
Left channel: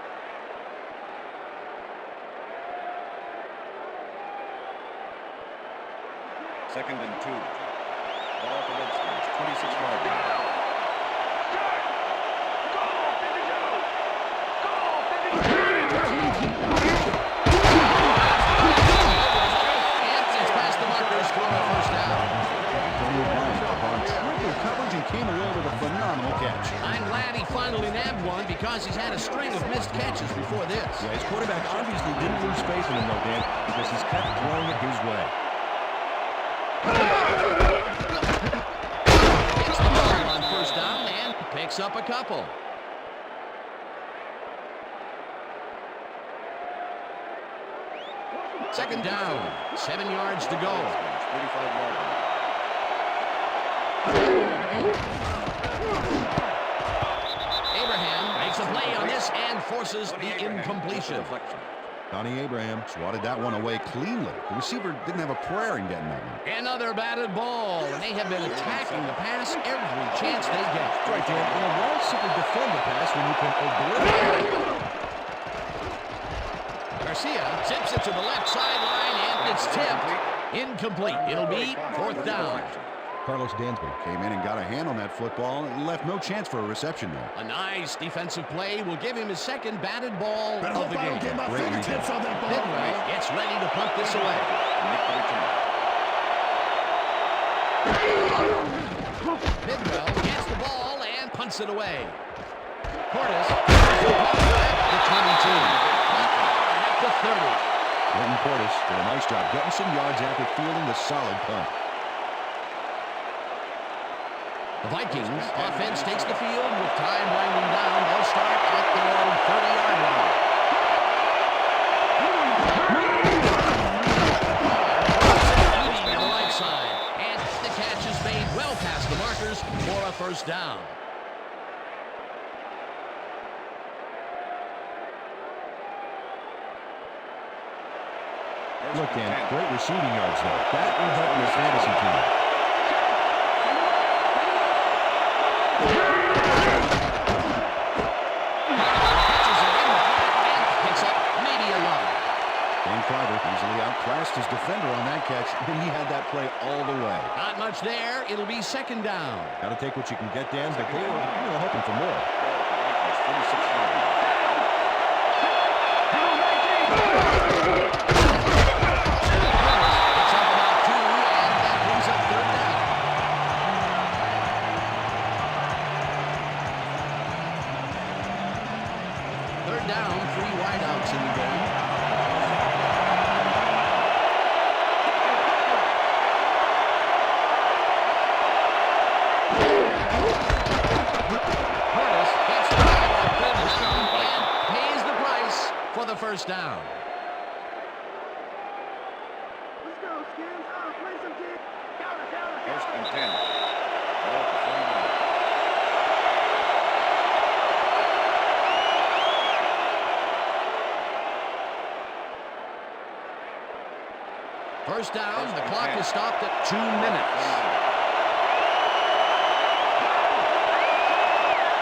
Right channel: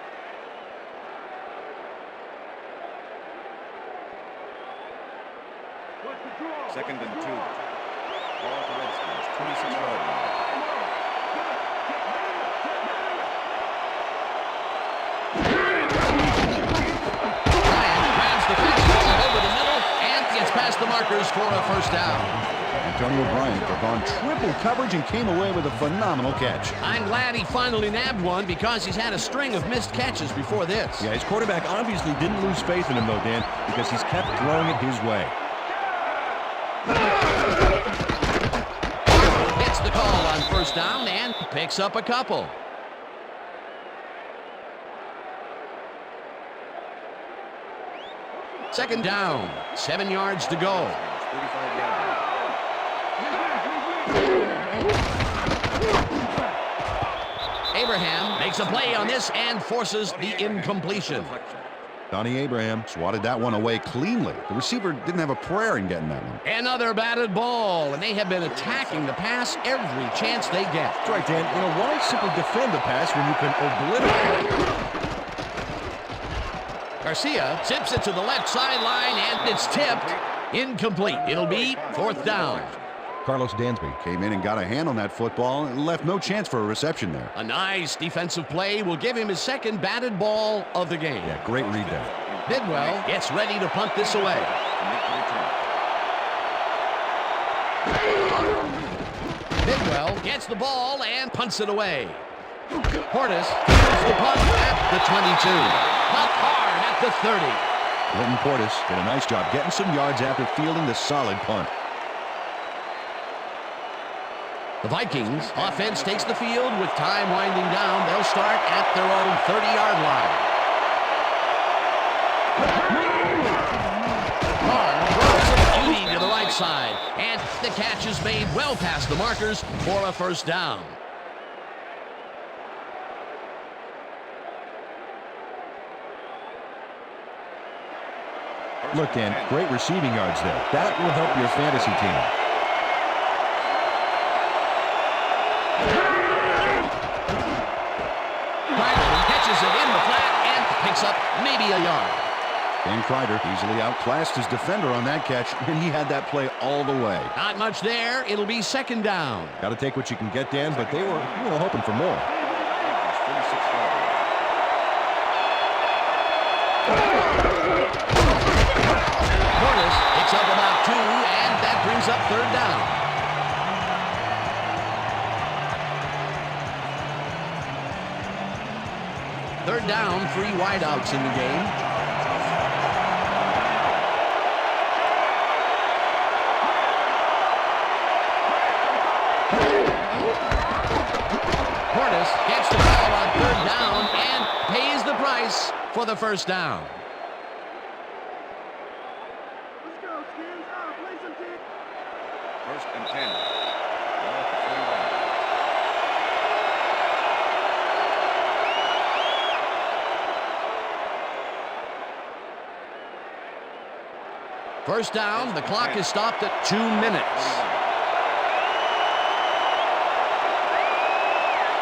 Second and 2. Ball at the Redskins, 26-yard line. Grabs the fastball over the middle and gets past the markers for a first down. Antonio Bryant took on triple coverage and came away with a phenomenal catch. I'm glad he finally nabbed one because he's had a string of missed catches before this. Yeah, his quarterback obviously didn't lose faith in him, though, Dan, because he's kept throwing it his way. Gets the call on first down and picks up a couple. Second down, 7 yards to go. 35-yard line. Abraham makes a play on this and forces the incompletion. Donnie Abraham swatted that one away cleanly. The receiver didn't have a prayer in getting that one. Another batted ball, and they have been attacking the pass every chance they get. That's right, Dan. You know, why simply defend the pass when you can obliterate it? Garcia zips it to the left sideline, and it's tipped. Incomplete. It'll be fourth down. Carlos Dansby came in and got a hand on that football and left no chance for a reception there. A nice defensive play will give him his second batted ball of the game. Yeah, great read there. Bidwell gets ready to punt this away. To make the return. Bidwell gets the ball and punts it away. Portis gets the punt at the 22. Punt hard at the 30. Clinton Portis did a nice job getting some yards after fielding the solid punt. The Vikings offense takes the field with time winding down. They'll start at their own 30-yard line. Carr throws a beauty to the right side, and the catch is made well past the markers for a first down. Look, Dan, great receiving yards there. That will help your fantasy team. Kreider catches it in the flat and picks up maybe a yard. Dan Kreider easily outclassed his defender on that catch, and he had that play all the way. Not much there. It'll be second down. Got to take what you can get, Dan, but they were, hoping for more. 46-yard line. Portis picks up about 2, and that brings up third down. Third down, 3 wideouts in the game. Portis gets the ball on third down and pays the price for the first down. Let's go, Skins. Play some team. First and 10. Ball at the 41. First down, the clock is stopped at 2 minutes.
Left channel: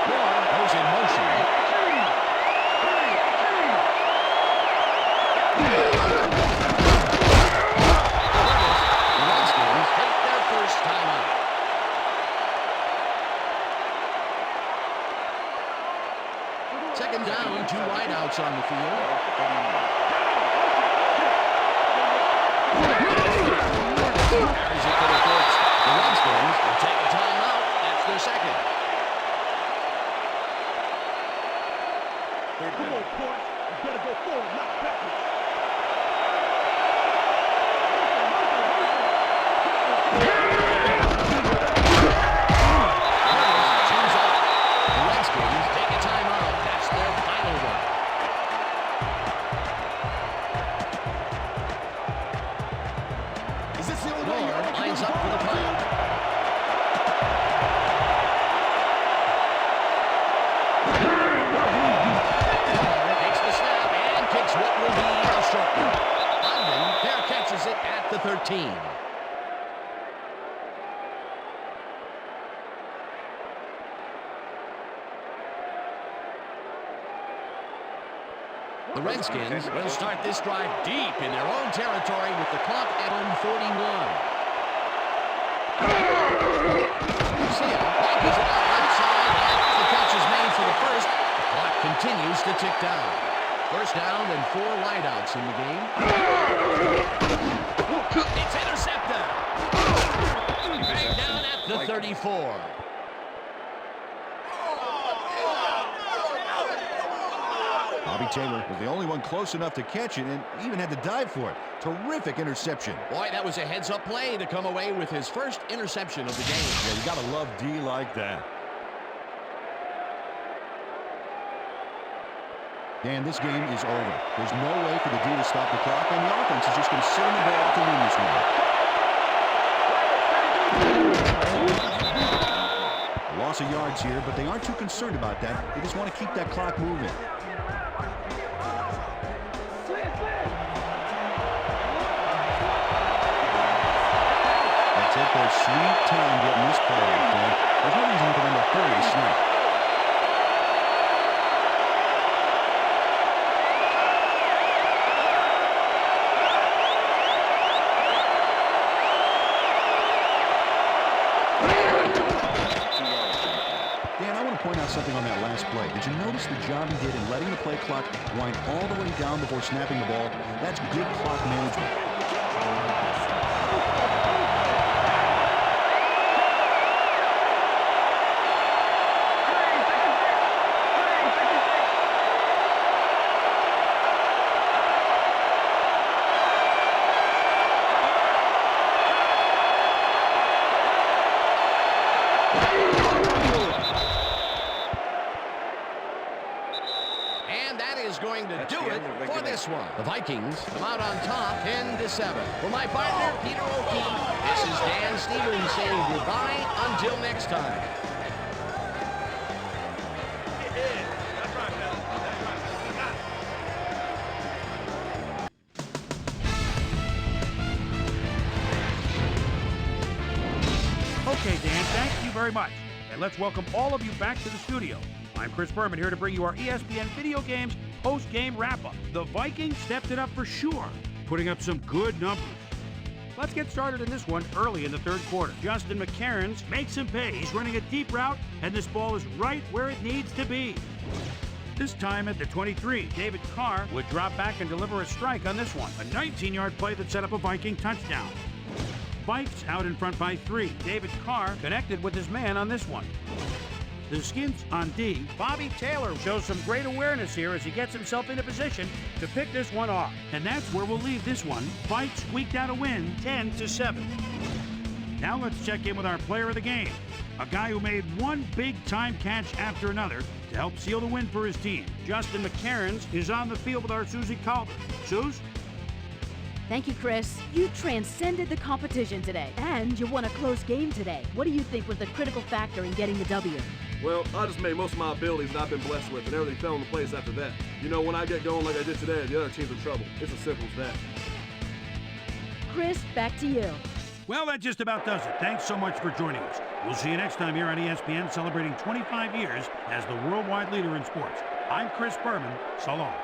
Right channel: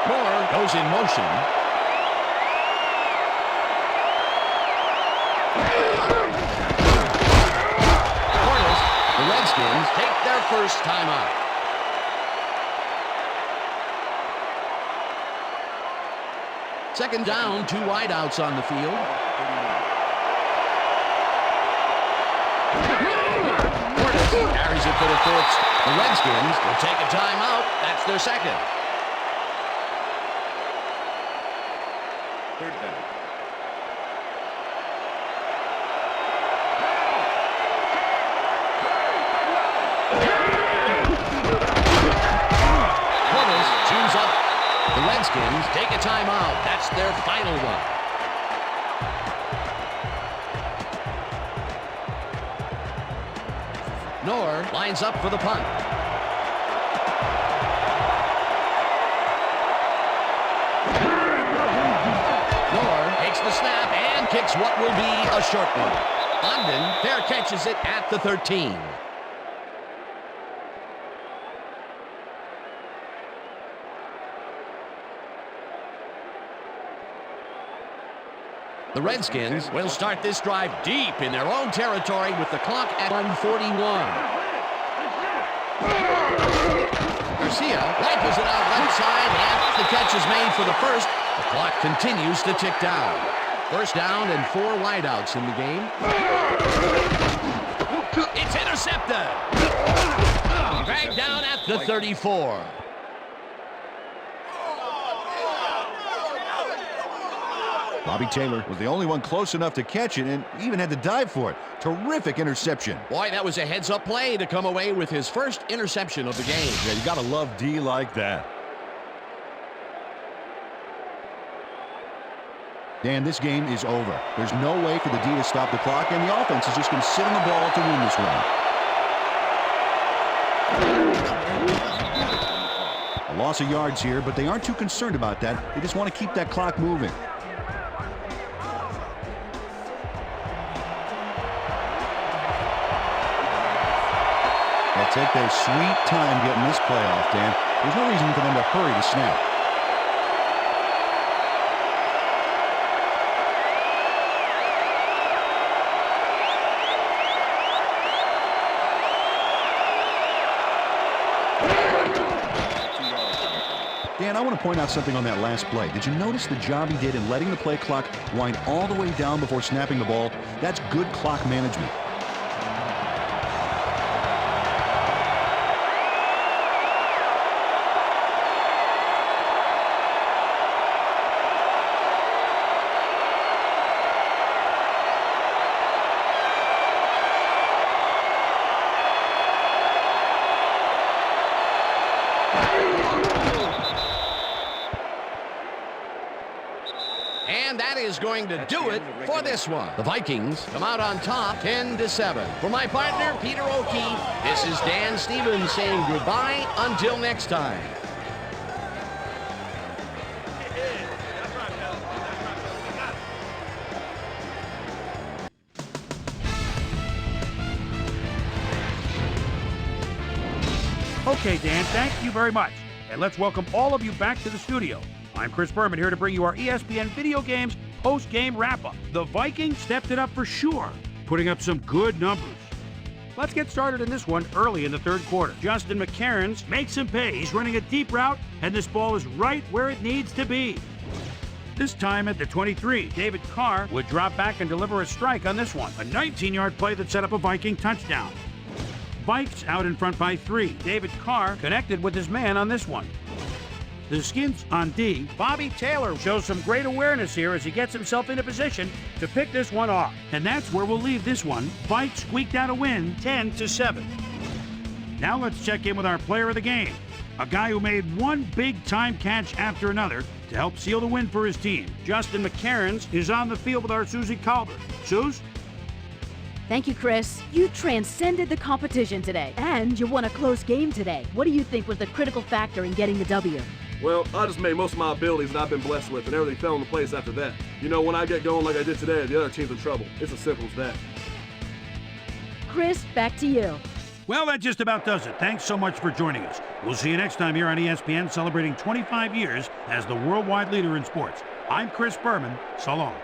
Moore goes in motion. Portis, the Redskins take their first timeout. Second down, 2 wideouts on the field. Portis carries it for the fourth. The Redskins will take a timeout. That's their second. Third down. Portis chews up. The Redskins take a timeout. That's their final one. Knorr lines up for the punt. Knorr takes the snap and kicks what will be a short one. London fair catches it at the 13. The Redskins will start this drive deep in their own territory with the clock at 1:41. Garcia wipes it out left side, and the catch is made for the first. The clock continues to tick down. First down and 4 wideouts in the game. It's intercepted. Dragged down at the 34. Bobby Taylor was the only one close enough to catch it and even had to dive for it. Terrific interception. Boy, that was a heads-up play to come away with his first interception of the game. Yeah, you got to love D like that. Dan, this game is over. There's no way for the D to stop the clock, and the offense is just going to sit on the ball to win this one. A loss of yards here, but they aren't too concerned about that. They just want to keep that clock moving. They'll take their sweet time getting this play off, Dan. There's no reason for them to hurry the snap. Dan, I want to point out something on that last play. Did you notice the job he did in letting the play clock wind all the way down before snapping the ball? That's good clock management. And that is going to do it for this one. The Vikings come out on top 10-7. For my partner, Peter O'Keefe, this is Dan Stevens saying goodbye until next time. Okay, Dan, thank you very much. And let's welcome all of you back to the studio. I'm Chris Berman here to bring you our ESPN Video Games post-game wrap-up. The Vikings stepped it up for sure, putting up some good numbers. Let's get started in this one early in the third quarter. Justin McCarron makes him pay. He's running a deep route, and this ball is right where it needs to be. This time at the 23, David Carr would drop back and deliver a strike on this one. A 19-yard play that set up a Viking touchdown. Vikes out in front by 3. David Carr connected with his man on this one. The Skins on D. Bobby Taylor shows some great awareness here as he gets himself into position to pick this one off. And that's where we'll leave this one. Vikes squeaked out a win, 10-7. Now let's check in with our player of the game. A guy who made one big-time catch after another to help seal the win for his team. Justin McCarron is on the field with our Susie Calder. Suze? Thank you, Chris. You transcended the competition today, and you won a close game today. What do you think was the critical factor in getting the W? Well, I just made most of my abilities that I've been blessed with, and everything fell into place after that. You know, when I get going like I did today, the other team's in trouble. It's as simple as that. Chris, back to you. Well, that just about does it. Thanks so much for joining us. We'll see you next time here on ESPN, celebrating 25 years as the worldwide leader in sports. I'm Chris Berman. So long.